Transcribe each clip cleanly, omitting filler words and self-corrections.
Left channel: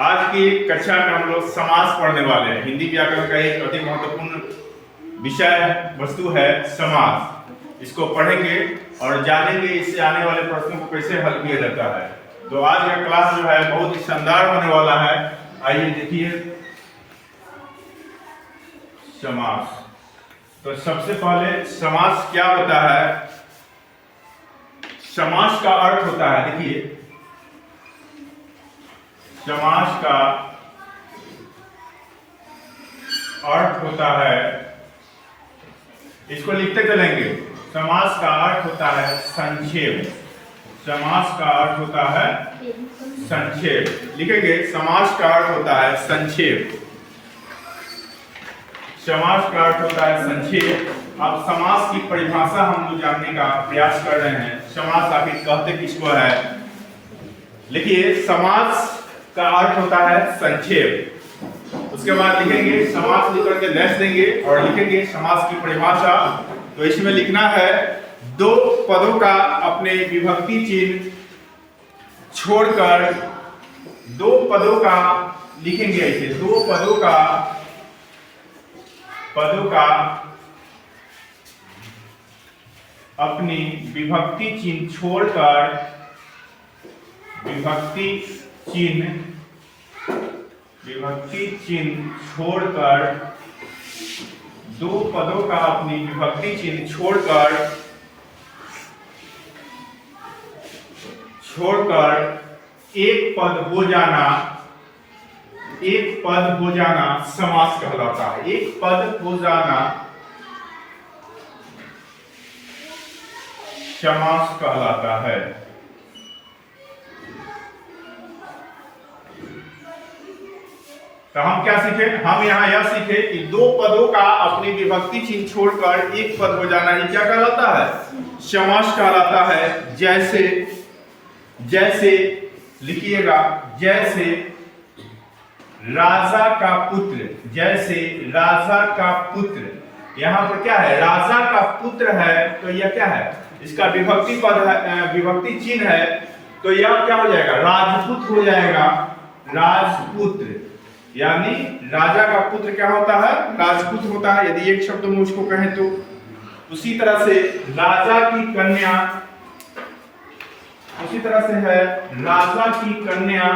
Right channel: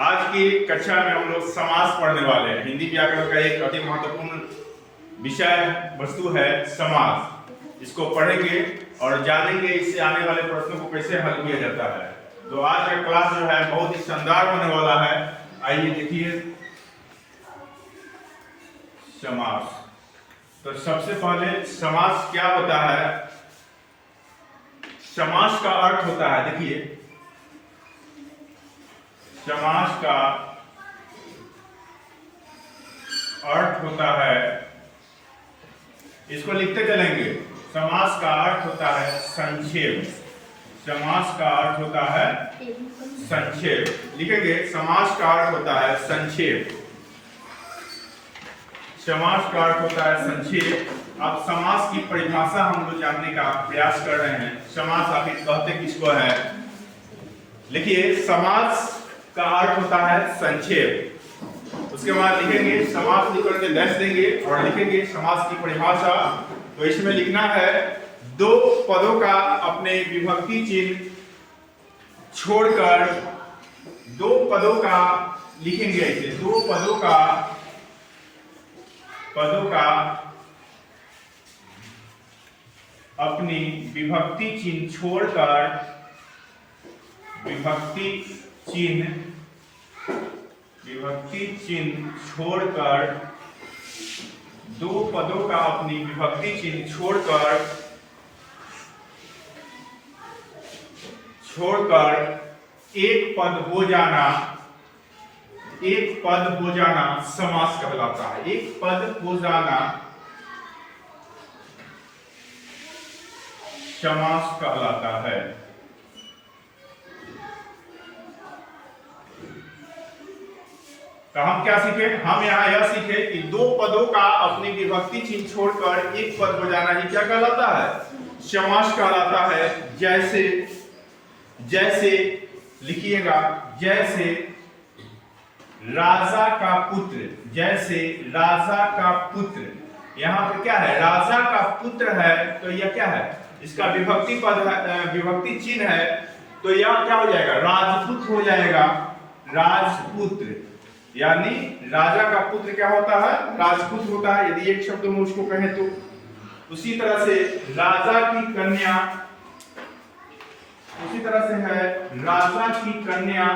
आज की कक्षा में हम लोग समास पढ़ने वाले हैं। हिंदी व्याकरण का एक अति महत्वपूर्ण विषय वस्तु है समास। इसको पढ़ेंगे और जानेंगे इससे आने वाले प्रश्नों को कैसे हल किया जाता है। तो आज का क्लास जो है बहुत ही शानदार होने वाला है। आइए देखिए समास। तो सबसे पहले समास क्या होता है। समास का अर्थ होता है, देखिए समास का अर्थ होता है, इसको लिखते चलेंगे। समास का अर्थ होता है संक्षेप। समास का अर्थ होता है संक्षेप। लिखेंगे समास का अर्थ होता है संक्षेप। समास का अर्थ होता है संक्षेप। अब समास की परिभाषा हम लोग जानने का प्रयास कर रहे हैं। समास आखिर कहते किसको है। लिखिए समास का अर्थ होता है संक्षेप। उसके बाद लिखेंगे समास लिख करके डैश देंगे और लिखेंगे समास की परिभाषा। तो इसमें लिखना है दो पदों का अपने विभक्ति चिन्ह छोड़कर, दो पदों का लिखेंगे ऐसे, दो पदों का अपनी विभक्ति चिन्ह छोड़कर, विभक्ति चिन्ह छोड़कर, दो पदों का अपनी विभक्ति चिन्ह छोड़कर एक पद हो जाना, एक पद हो जाना समास कहलाता है। एक पद हो जाना समास कहलाता है। तो हम क्या सीखे, हम यहाँ यह सीखे कि दो पदों का अपनी विभक्ति चिन्ह छोड़कर एक पद हो जाना ही क्या कहलाता है, समास कहलाता है। जैसे जैसे लिखिएगा, जैसे राजा का पुत्र, जैसे राजा का पुत्र। यहाँ पर क्या है, राजा का पुत्र है तो यह क्या है, इसका विभक्ति पद है, विभक्ति चिन्ह है। तो यह क्या हो जाएगा, राजपुत्र हो जाएगा। राजपुत्र यानी राजा का पुत्र क्या होता है, राजपुत्र होता है यदि एक शब्द में उसको कहें तो। उसी तरह से राजा की कन्या, उसी तरह से है राजा की कन्या,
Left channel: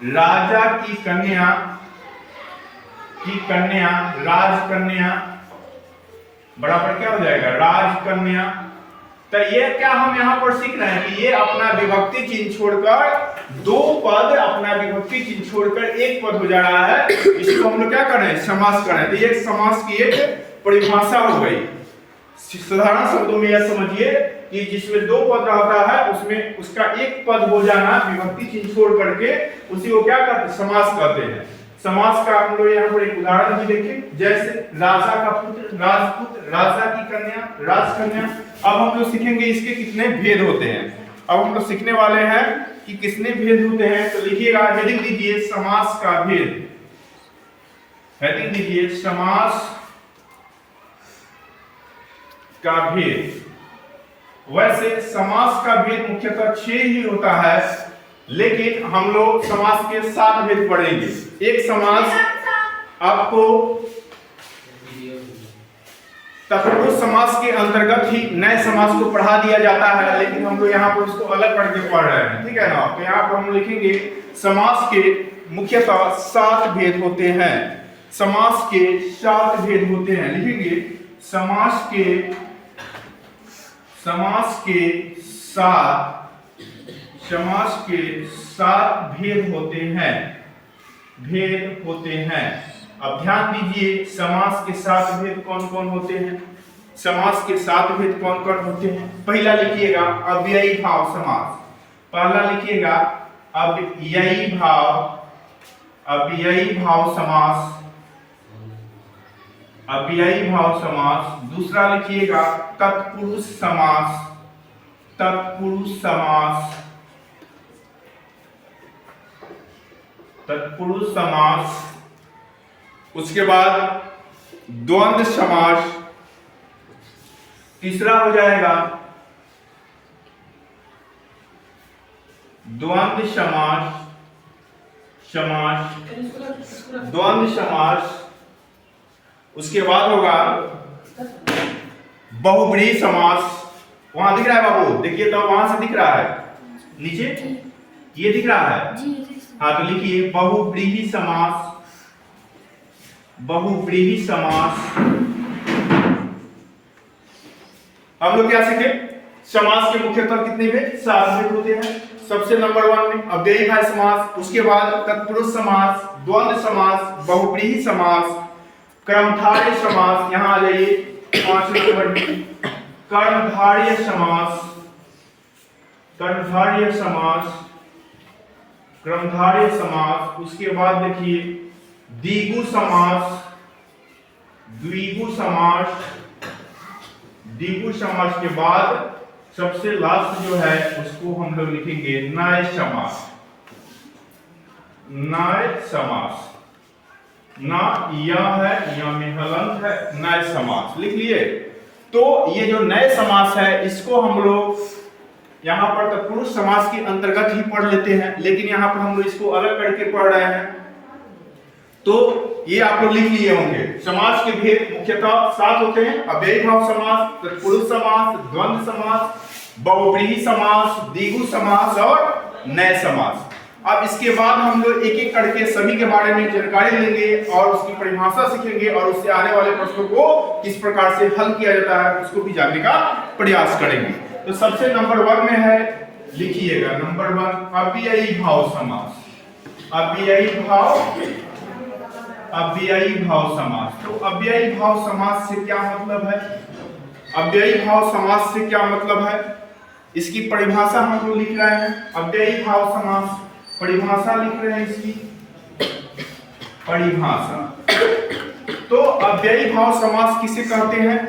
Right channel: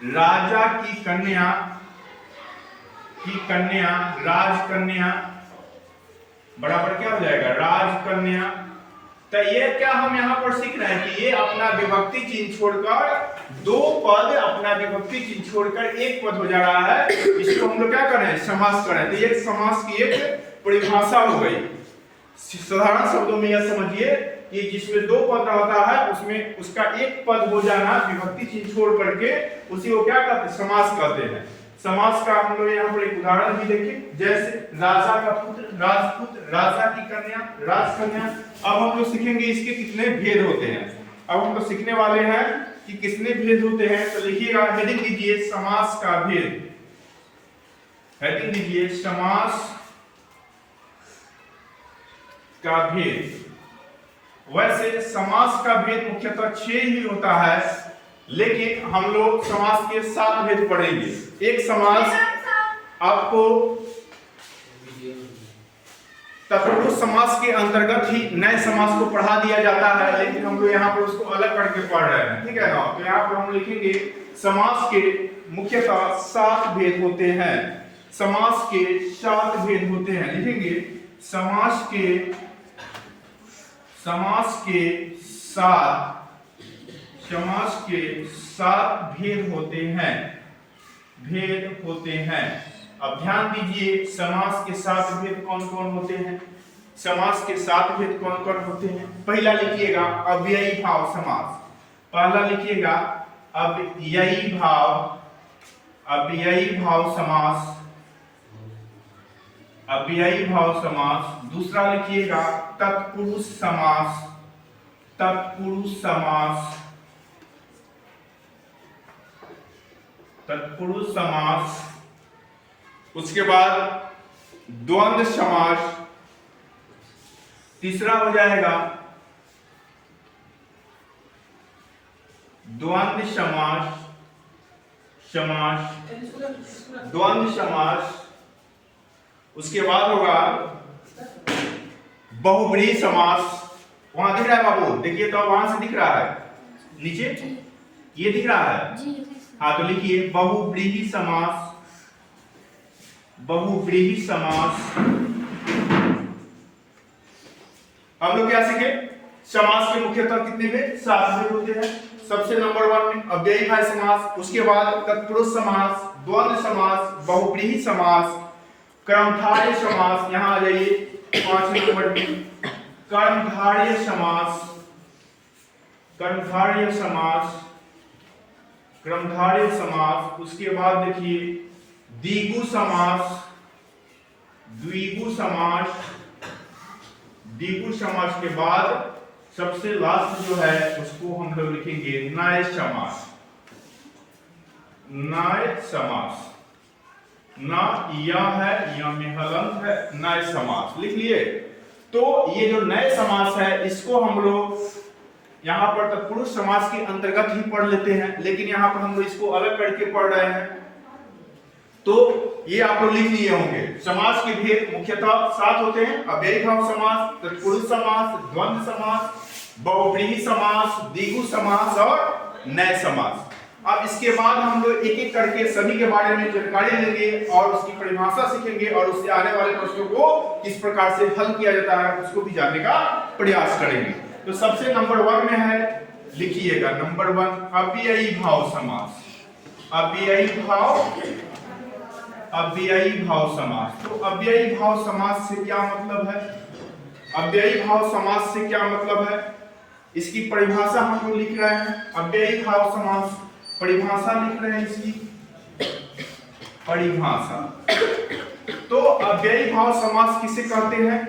राजा की कन्या राजकन्या बराबर क्या हो जाएगा, राजकन्या। तो ये क्या हम यहाँ पर सीख रहे हैं कि ये अपना विभक्ति चिन्ह छोड़कर, दो पद अपना विभक्ति चिन्ह छोड़कर एक पद हो जा रहा है। इसको हम लोग क्या कर रहे हैं, समास कर रहे हैं। तो ये समास की एक परिभाषा हो गई। साधारण शब्दों में यह समझिए कि जिसमें दो पद रहता है उसमें उसका एक पद हो जाना विभक्ति चिन्ह छोड़ करके, उसी को क्या कहते हैं, समास कहते हैं। समास का हम लोग यहाँ पर एक उदाहरण भी देखें। जैसे राजा का पुत्र राजपुत्र, राजा की कन्या राजकन्या। अब हम लोग सीखेंगे इसके कितने भेद होते हैं। अब हम लोग सीखने वाले हैं कि कितने भेद होते हैं। तो लिखिएगा, हेडिंग दीजिए समास का भेद। हेडिंग दीजिए समास का भेद। वैसे समास का भेद मुख्यतः 6 ही होता है, लेकिन हम लोग समास के 7 भेद पढ़ेंगे। एक समास आपको तत्पुरुष समास के अंतर्गत ही नए समास को पढ़ा दिया जाता है, लेकिन हम लोग यहाँ पर उसको अलग पढ़ के पढ़ रहे हैं, ठीक है ना। तो यहाँ पर हम लिखेंगे समास के मुख्यतः 7 भेद होते हैं। समास के 7 भेद होते हैं। लिखेंगे समास के 7 भेद होते हैं। अब ध्यान दीजिए समास के 7 भेद कौन कौन होते हैं। समास के 7 भेद कौन कौन होते हैं। पहला लिखिएगा अव्ययी भाव समास। पहला लिखिएगा अव्ययी भाव समास, अव्ययी भाव समास। दूसरा लिखिएगा तत्पुरुष समास, तत्पुरुष समास, तत्पुरुष समास। उसके बाद द्वंद्व समास। तीसरा हो जाएगा द्वंद्व समास, द्वंद्व समास। उसके बाद होगा बहुब्रीहि समास। वहां दिख रहा है बाबू, देखिए तो वहां से दिख रहा है नीचे, ये दिख रहा है। हाँ तो लिखिए बहुब्रीहि समास, बहुब्रीहि समास। हम लोग क्या सीखे? समास के मुख्यतः कितने में 4 भेद होते हैं। सबसे नंबर 1 में अव्ययीभाव समास, उसके बाद तत्पुरुष समास, द्वंद्व समास, बहुब्रीहि समास, कर्मधारय समास। यहां आ जाइए 5 नंबर में कर्मधारय समास, कर्मधारय समास, कर्मधारय समास। उसके बाद देखिए द्विगु समास, द्विगु समास, द्विगु समास के बाद सबसे लास्ट जो है उसको हम लोग लिखेंगे नय समास, नय समास। ना यह है, यह में हलंत है, नय समास लिख लिए। तो ये जो नए समास है इसको हम लोग यहाँ पर तत्पुरुष समास के अंतर्गत ही पढ़ लेते हैं, लेकिन यहाँ पर हम लोग इसको अलग करके पढ़ रहे हैं। तो ये आप लोग लिख लिए होंगे। समास के भेद मुख्यतः 7 होते हैं: अव्ययीभाव समास, तत्पुरुष समास, द्वंद्व समास, बहुब्रीहि समास, द्विगु समास और नए समास। अब इसके बाद हम लोग एक एक करके सभी के बारे में जानकारी लेंगे और उसकी परिभाषा सीखेंगे और उससे आने वाले प्रश्नों को किस प्रकार से हल किया जाता है उसको भी जानने का प्रयास करेंगे। तो सबसे नंबर 1 में है, लिखिएगा नंबर 1 अव्ययीभाव समास, अव्ययीभाव, अव्ययीभाव समास। तो अव्ययीभाव समास से क्या मतलब है? अव्ययीभाव समास से क्या मतलब है? इसकी परिभाषा हम लोग लिख रहे हैं। अव्ययीभाव समास परिभाषा लिख रहे हैं, इसकी परिभाषा। तो अव्ययीभाव समास किसे कहते हैं?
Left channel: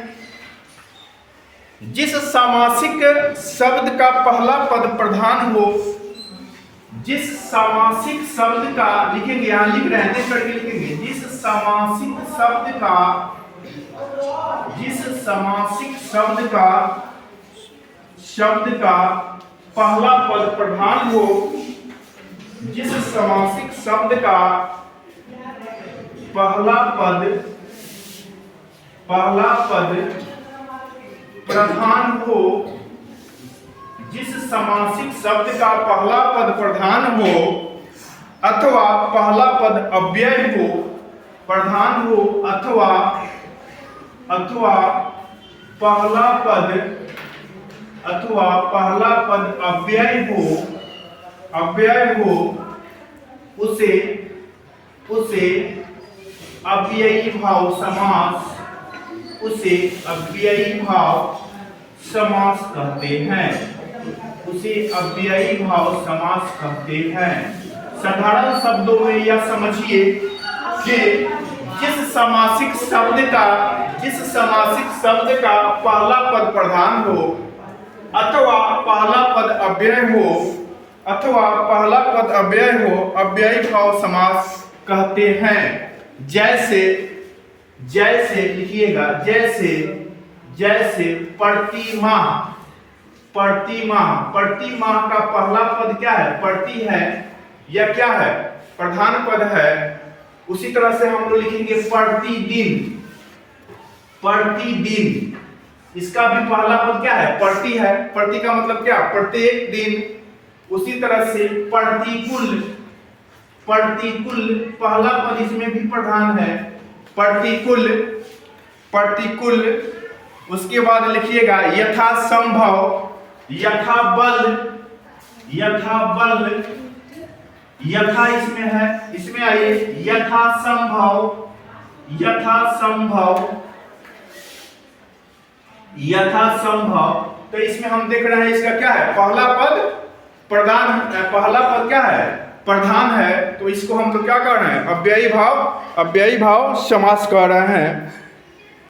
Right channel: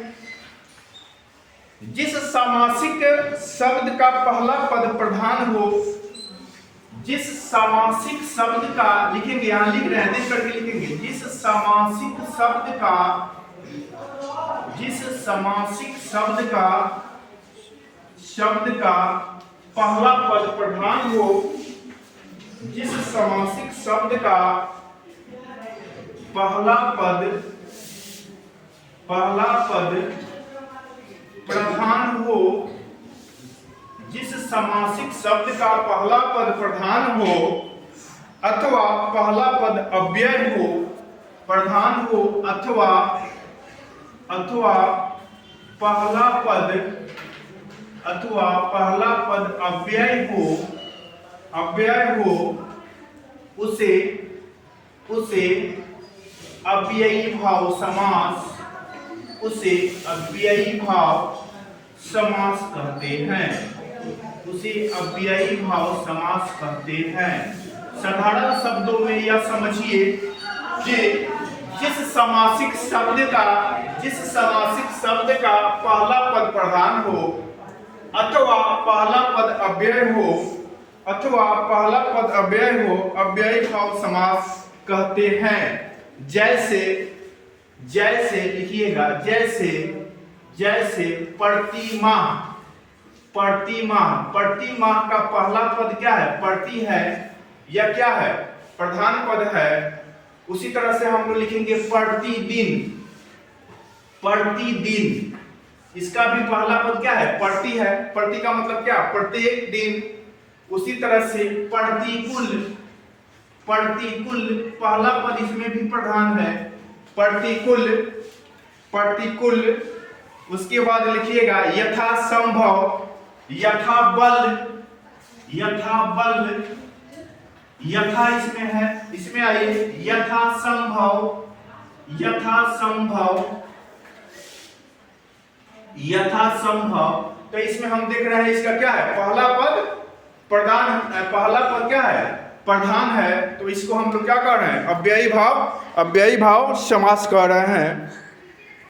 जिस सामासिक शब्द का पहला पद प्रधान हो, जिस सामासिक शब्द का, लिखेंगे यहां लिख रहे हैं, देख करके लिखेंगे, जिस सामासिक शब्द का, जिस सामासिक शब्द का पहला पद प्रधान हो, जिस सामासिक शब्द का पहला पद प्रधान हो, जिस सामासिक शब्द का पहला पद प्रधान हो अथवा पहला पद अव्यय हो, प्रधान हो अथवा पहला पद अव्यय हो, उसे अव्ययीभाव समास, उसे अव्ययीभाव समास कहते हैं, उसे अव्ययीभाव समास कहते हैं। साधारण शब्दों में यह समझिए कि जिस सामासिक शब्द का पहला पद प्रधान हो अथवा पहला पद अव्यय हो, अव्ययीभाव समास कहते हैं। जैसे लिखिएगा, जैसे प्रतिमाह का पहला पद क्या है? प्रति है या क्या है? प्रधान पद है। उसी तरह से हम लोग लिखेंगे प्रतिदिन, इसका भी पहला पद क्या है? प्रति है। प्रति का मतलब क्या? प्रत्येक दिन। उसी तरह से प्रतिकूल पहला पद इसमें भी प्रधान है, प्रतिकूल। उसके बाद लिखिएगा यथासंभव, यथा इसमें है, इसमें आइए यथासंभव, तो इसमें हम देख रहे हैं इसका क्या है? पहला पद क्या है? प्रधान है। तो इसको हम लोग क्या कर रहे हैं? अव्ययीभाव समास कह रहे हैं।